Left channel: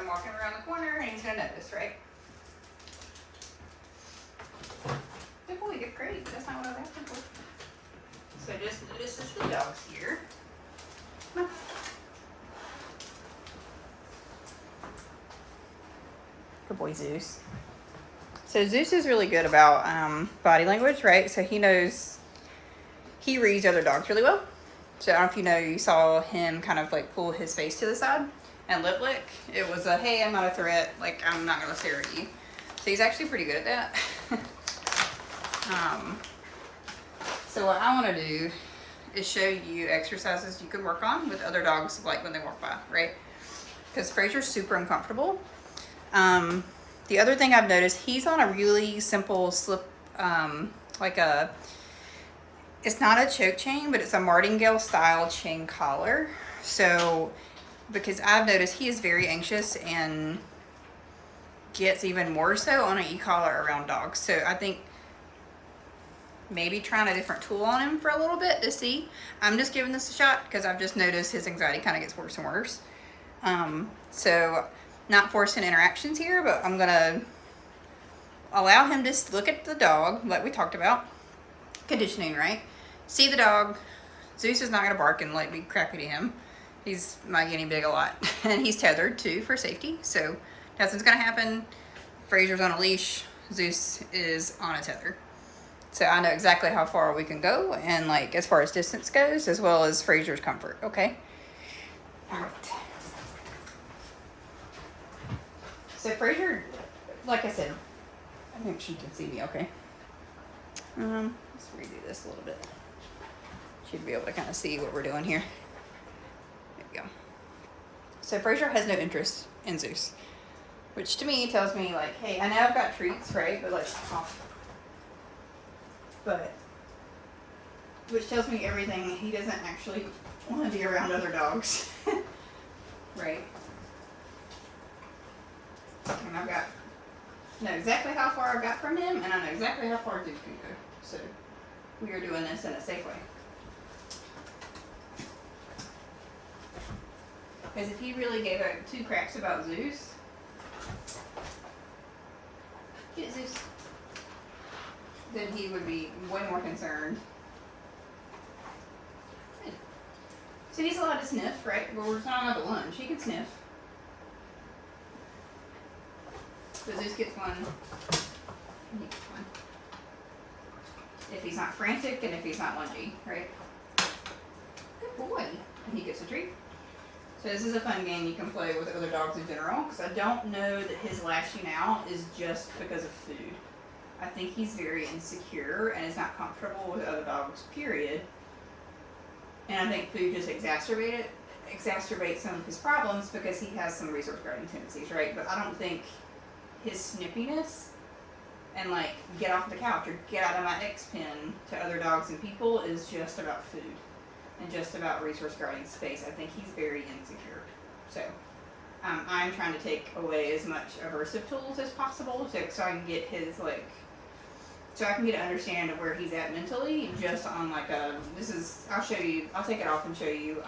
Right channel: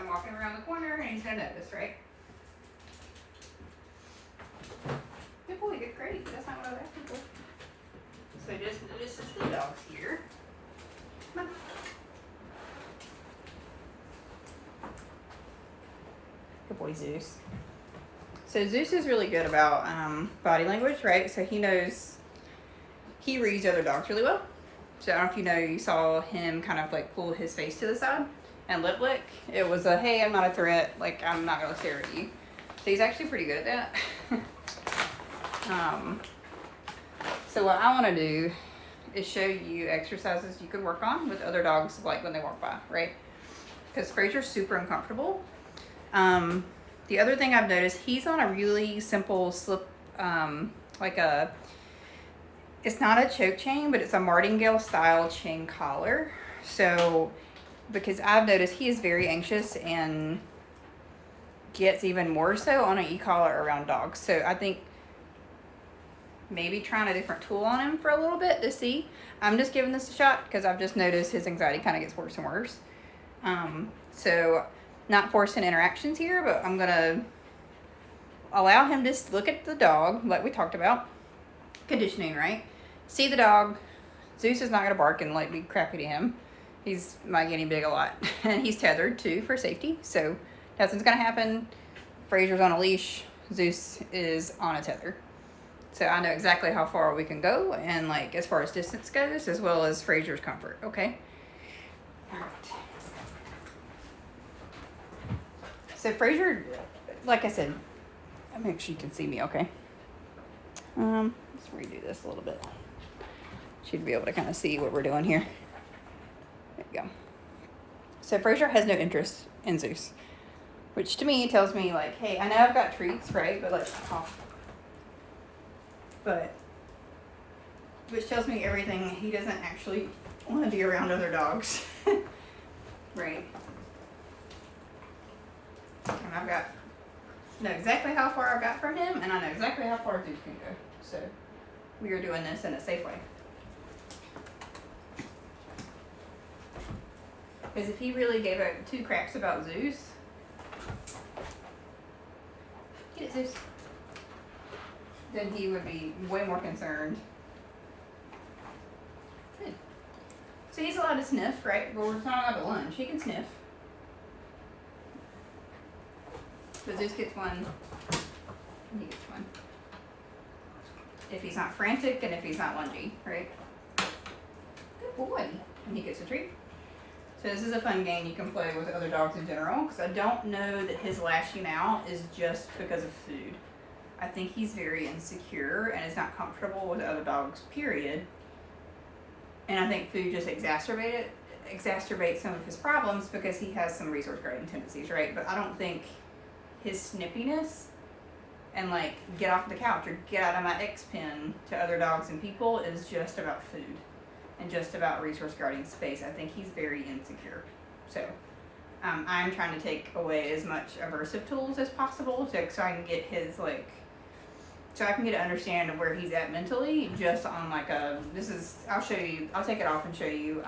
I'm walking around the corner and he's gonna notice, right? Good boy, good, great. That's not what I was asking for. So this is the dogs here. Come on. Good boy, Zeus. So Zeus is really good about body language, right? So he reads other dogs really well. So I don't know if you know, you saw him kind of like pull his face to the side and lip lick. It was a, hey, I'm not a threat. Like, I'm not gonna stare at you. So he's actually pretty good at that. So what I wanna do is show you exercises you can work on with other dogs, like when they walk by, right? Because Fraser's super uncomfortable. The other thing I've noticed, he's on a really simple slip, it's not a choke chain, but it's a martingale style chain collar. So, because I've noticed he is very anxious and gets even more so on an e-collar around dogs. So I think maybe trying a different tool on him for a little bit to see. I'm just giving this a shot because I've just noticed his anxiety kind of gets worse and worse. So not forcing interactions here, but I'm gonna allow him to look at the dog like we talked about. Conditioning, right? See the dog. Zeus is not gonna bark and like be crappy to him. He's my guinea pig a lot. And he's tethered too for safety. So nothing's gonna happen. Fraser's on a leash. Zeus is on a tether. So I know exactly how far we can go and like as far as distance goes, as well as Fraser's comfort, okay? All right. So Fraser, like I said, I think she can see me okay. Let's redo this a little bit. She'd be able to kind of see what we're doing here. There we go. So Fraser has no interest in Zeus, which to me tells me like, hey, I know I've got treats, right? But let's off. But which tells me everything. He doesn't actually want to be around other dogs, right? And I've got know exactly how far I got from him, and I know exactly how far Zeus can go. So we are doing this in a safe way. Because if he really gave two craps about Zeus, get it, Zeus, then he would be way more concerned. Good. So he's allowed to sniff, right? But we're not allowed to lunge. He can sniff. So Zeus gets one, and he gets one. If he's not frantic and if he's not lungy, right? Good boy. And he gets a treat. So this is a fun game you can play with other dogs in general, because I don't know that his lashing out is just because of food. I think he's very insecure and is not comfortable with other dogs, period. And I think food just exacerbates some of his problems because he has some resource guarding tendencies, right? But I don't think his snippiness and like get off the couch or get out of my X pen to other dogs and people is just about food and just about resource guarding space. I think he's very insecure. So I'm trying to take away as much aversive tools as possible so I can get his like, so I can get to understand where he's at mentally, just on like a, I'll show you, I'll take it off and show you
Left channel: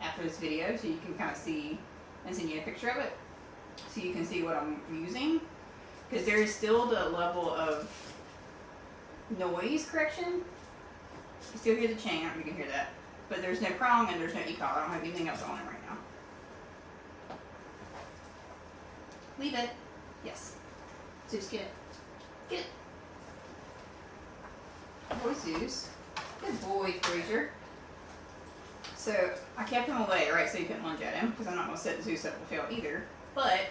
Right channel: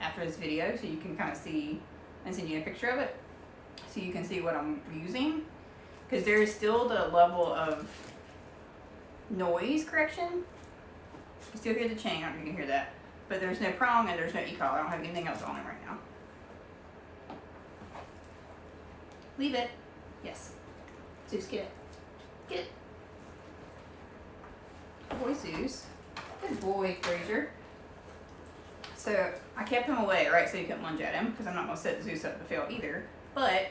after this video so you can kind of see and send you a picture of it so you can see what I'm using. Because there is still the level of noise correction. You still hear the chain, I don't know if you can hear that. But there's no prong and there's no e-collar. I don't have anything else on it right now. Leave it. Yes. Zeus, get it. Get it. Good boy, Zeus. Good boy, Fraser. So I kept him away, right, so you couldn't lunge at him, because I'm not going to set Zeus up to fail either. But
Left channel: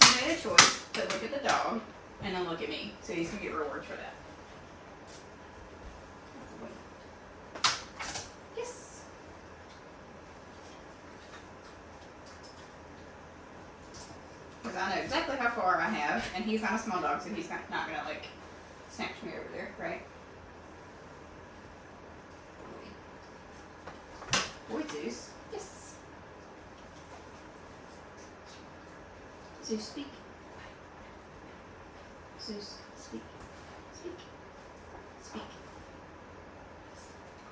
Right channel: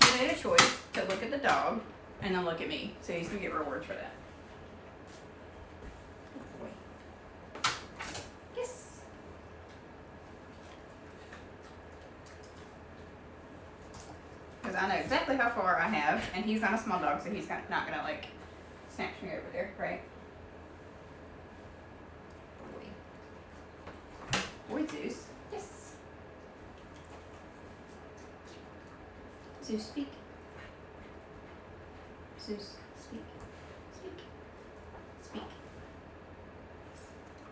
he made a choice to look at the dog and then look at me. So he's going to get rewards for that. Yes. Because I know exactly how far I have, and he's not a small dog, so he's not going to like snatch me over there, right? Boy, Zeus. Yes. Zeus, speak. Zeus, speak. Speak. Speak.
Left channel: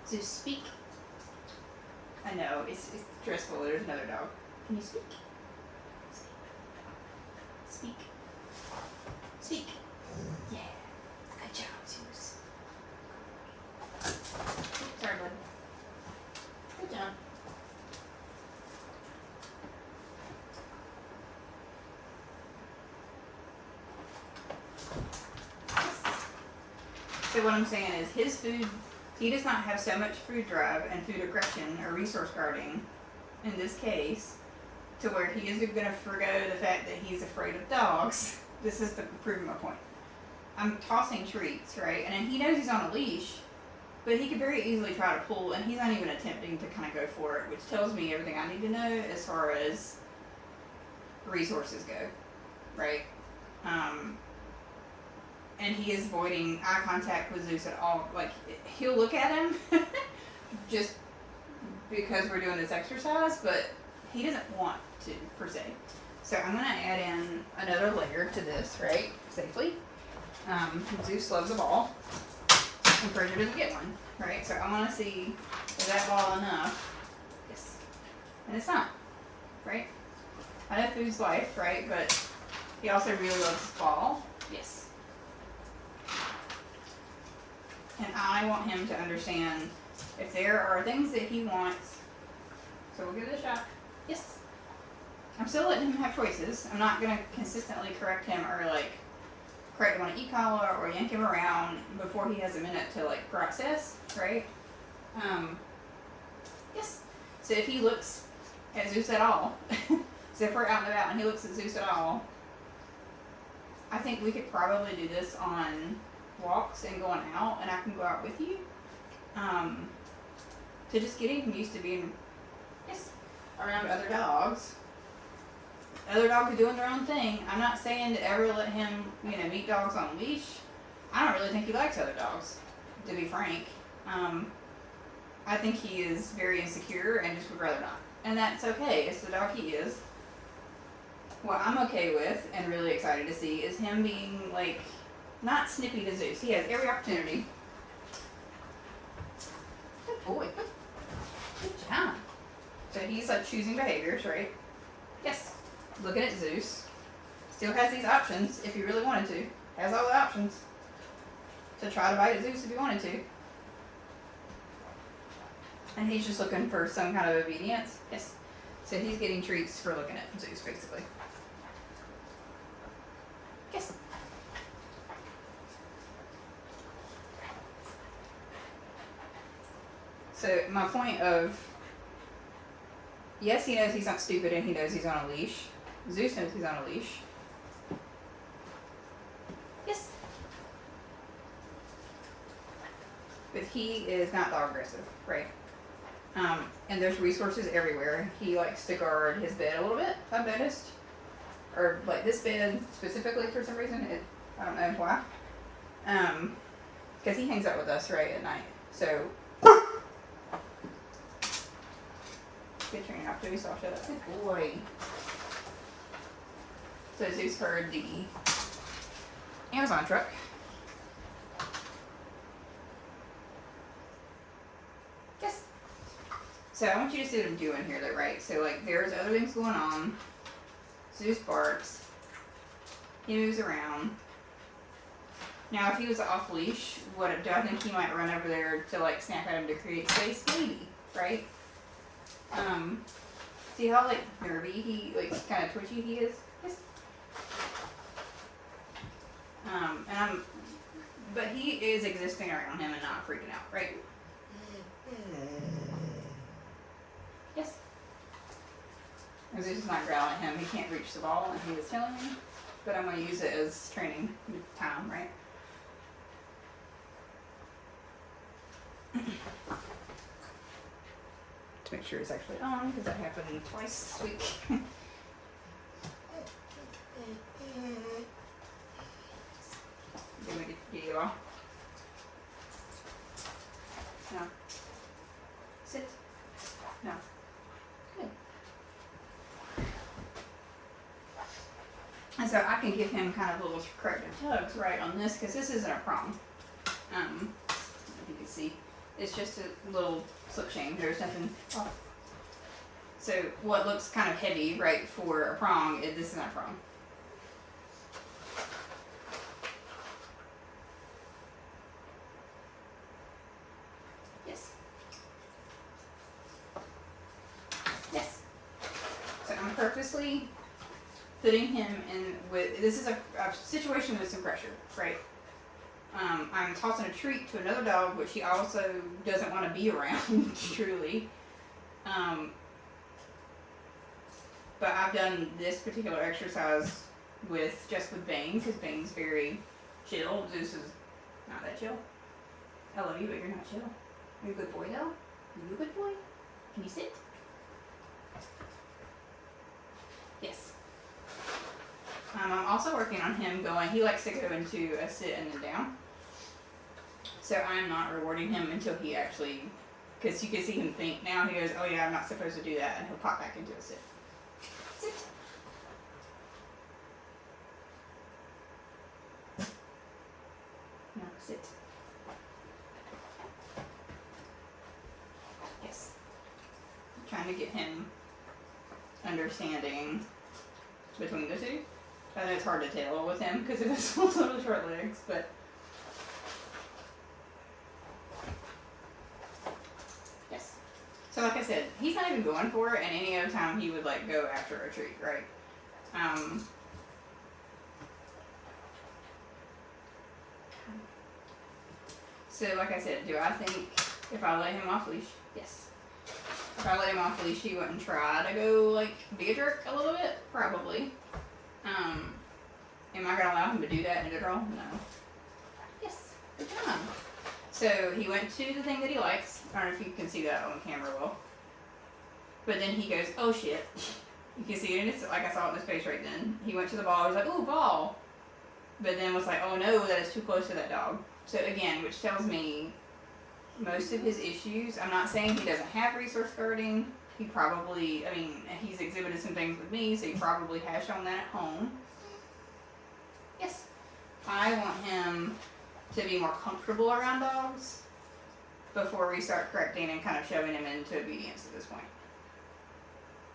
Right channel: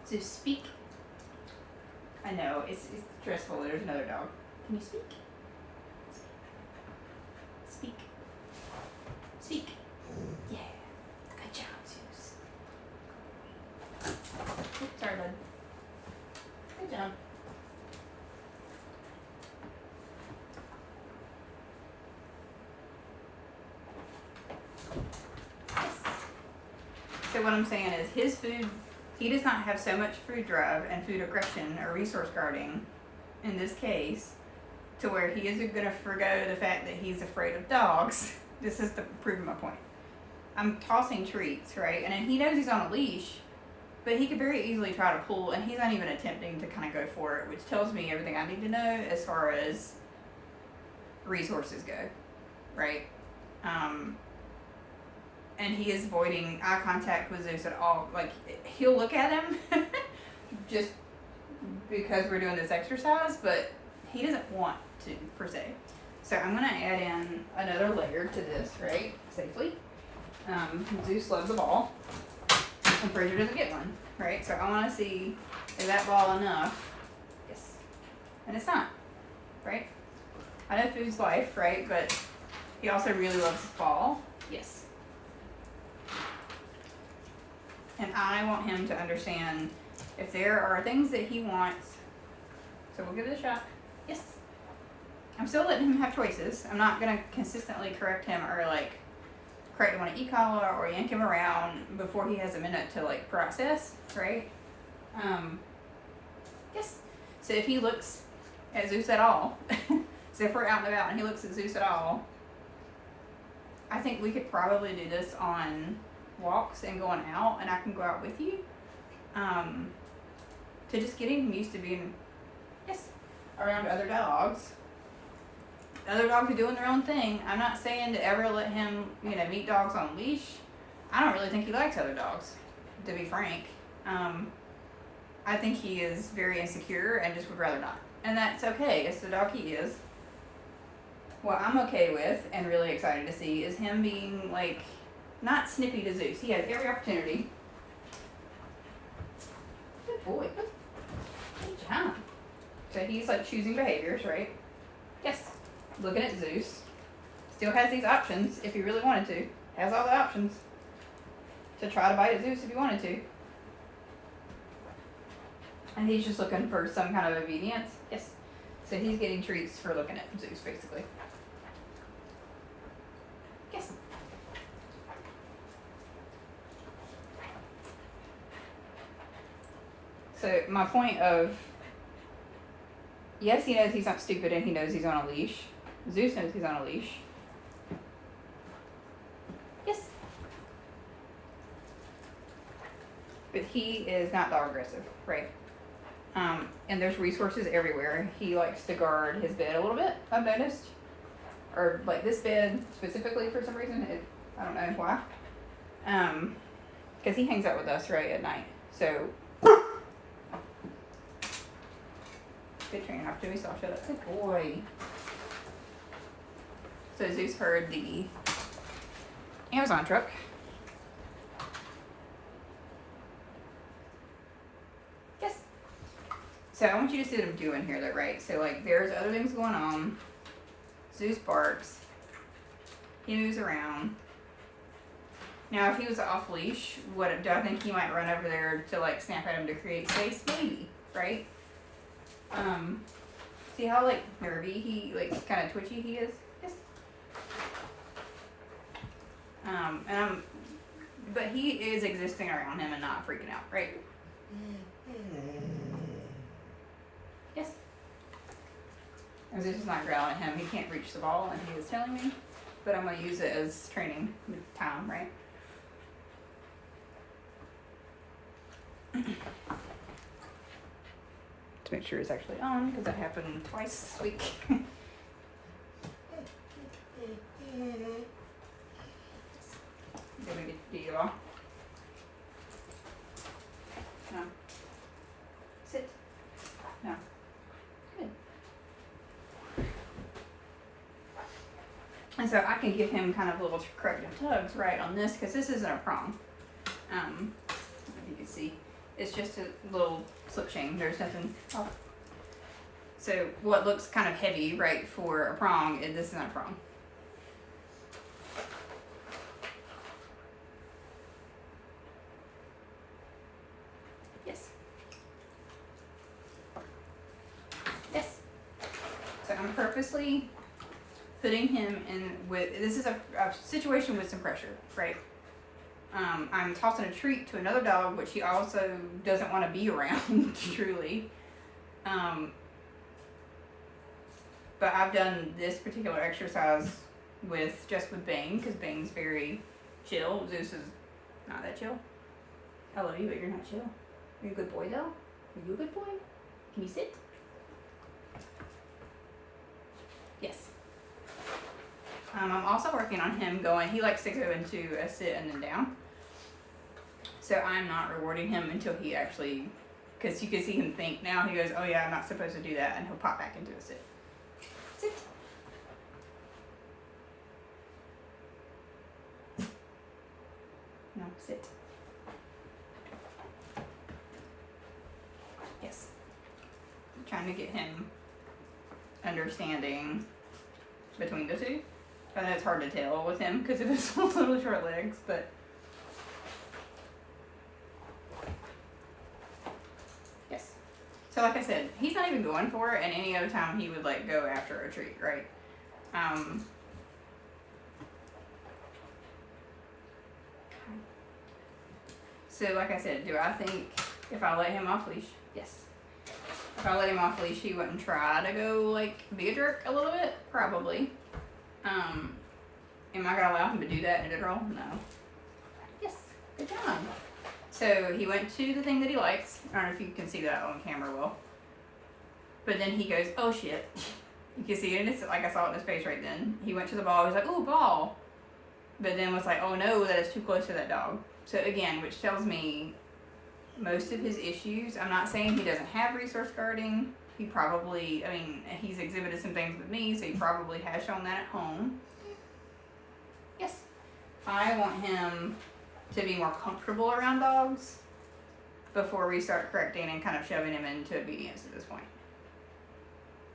Zeus, speak. I know, it's stressful. There's another dog. Can you speak? basically what I'm saying is his food, he does not have so much food drive and food aggression or resource guarding in this case to where he isn't going to forgo the fact that he's afraid of dogs. This is to prove my point. I'm tossing treats, right? And he knows he's on a leash, but he could very easily try to pull, and he's not even attempting to kind of go for it, which tells me everything I need to know as far as resources go, right? And he is avoiding eye contact with Zeus at all. Like, he'll look at him just because we're doing this exercise, but he doesn't want to, per se. So I'm going to add in another layer to this, right, safely. Zeus loves a ball, and Fraser doesn't get one, right? So I want to see, is that ball enough? Yes. And it's not, right? I know food's life, right? But he also really loves his ball. Yes. And I want him to understand if there are things that he wants. So we'll give it a shot. Yes. I'm still letting him have choices. I'm not going to consistently correct him or like correct him on an e-collar or yank him around before he has a minute to like process, right? Yes. So if he looks at Zeus at all, so if we're out and about and he looks at Zeus at all, I think we could probably do this on walks and going out, and I can go out with you. To just getting him used to being, yes, around other dogs. Other dogs are doing their own thing. I'm not saying to ever let him, meet dogs on a leash. I don't really think he likes other dogs, to be frank. I think he is very insecure and just would rather not. And that's okay. It's the dog he is. What I'm okay with and really excited to see is him being, like, not snippy to Zeus. He has every opportunity. Good boy. Good job. So he's, like, choosing behaviors, right? Yes. Looking at Zeus. Still has these options if he really wanted to. Has all the options to try to bite at Zeus if he wanted to. And he's just looking for some kind of obedience. Yes. So he's getting treats for looking at Zeus, basically. Yes. So my point of, yes, he knows he's not stupid and he knows he's on a leash. Zeus knows he's on a leash. Yes. But he is not dog aggressive, right? And there's resources everywhere. He likes to guard his bed a little bit, I've noticed. Or like this bed specifically for some reason. I don't know why. Because he hangs out with us, right, at night. So, good training after we saw shut up. Good boy. So Zeus heard the Amazon truck. Yes. So I want you to see what I'm doing here, though, right? So like, there's other things going on. Zeus barks. He moves around. Now, if he was off leash, do I think he might run over there to like snap at him to create space? Maybe, right? See how like nervy he, like kind of twitchy he is? Yes. But he is existing around him and not freaking out, right? Yes. As this is not growling at him, he can't reach the ball, and he is telling me, but I'm going to use it as training time, right? To make sure it's actually on, because that happened twice this week. Did we get you all? No. Sit. No. Good. And so I can give him kind of little corrective tugs right on this, because this isn't a prong. If you can see, it's just a little slip chain. There's nothing. Oh. So what looks kind of heavy, right, for a prong, this isn't a prong. Yes. Yes. So I'm purposely putting him in with, this is a situation with some pressure, right? I'm tossing a treat to another dog, which he also doesn't want to be around, truly. But I've done this particular exercise with Bane, because Bane's very chill. Zeus is not that chill. I love you, but you're not chill. You're a good boy, though. Are you a good boy? Can you sit? Yes. I'm also working on him going, he likes to go into a sit and then down. So I'm not rewarding him until he actually, because you can see him think now, he goes, oh yeah, I'm not supposed to do that, and he'll pop back into a sit. Sit. No, sit. Yes. I'm trying to get him understanding between the two. I know it's hard to tell with him because of his little short legs, but yes. So like I said, he's not even going for it, and any other time he would like go after a treat, right? So like I said, do I think if I let him off leash? Yes. If I let him off leash, he wouldn't try to go like be a jerk a little bit? Probably. Am I gonna allow him to do that in general? No. Yes. Good job. So he went to the thing that he likes. I don't know if you can see that on camera well. But then he goes, oh shit. You can see it, and it's like I saw it in his face right then. He went to the ball, he's like, oh, ball. But then was like, oh no, that is too close to that dog. So again, which tells me most of his issues, I'm not saying he doesn't have resource guarding. He probably, I mean, he's exhibited some things with me, so he probably has shown that at home. Yes. I want him to be more comfortable around dogs before we start correcting and kind of shoving him into obedience at this point.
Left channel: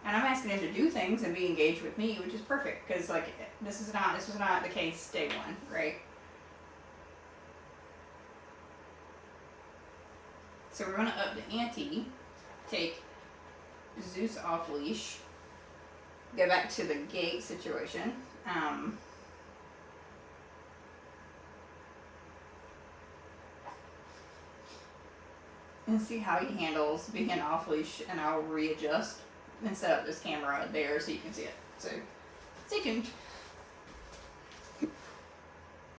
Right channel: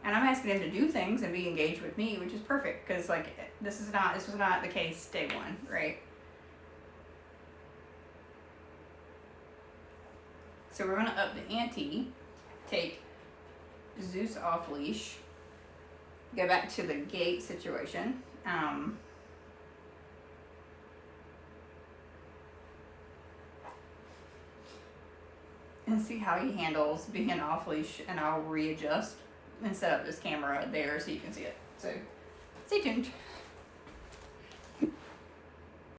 And I'm asking him to do things and be engaged with me, which is perfect, because like this was not the case day one, right? So we're gonna up the ante, take Zeus off leash, go back to the gate situation. And see how he handles being off leash, and I'll readjust and set up this camera there so you can see it. So stay tuned.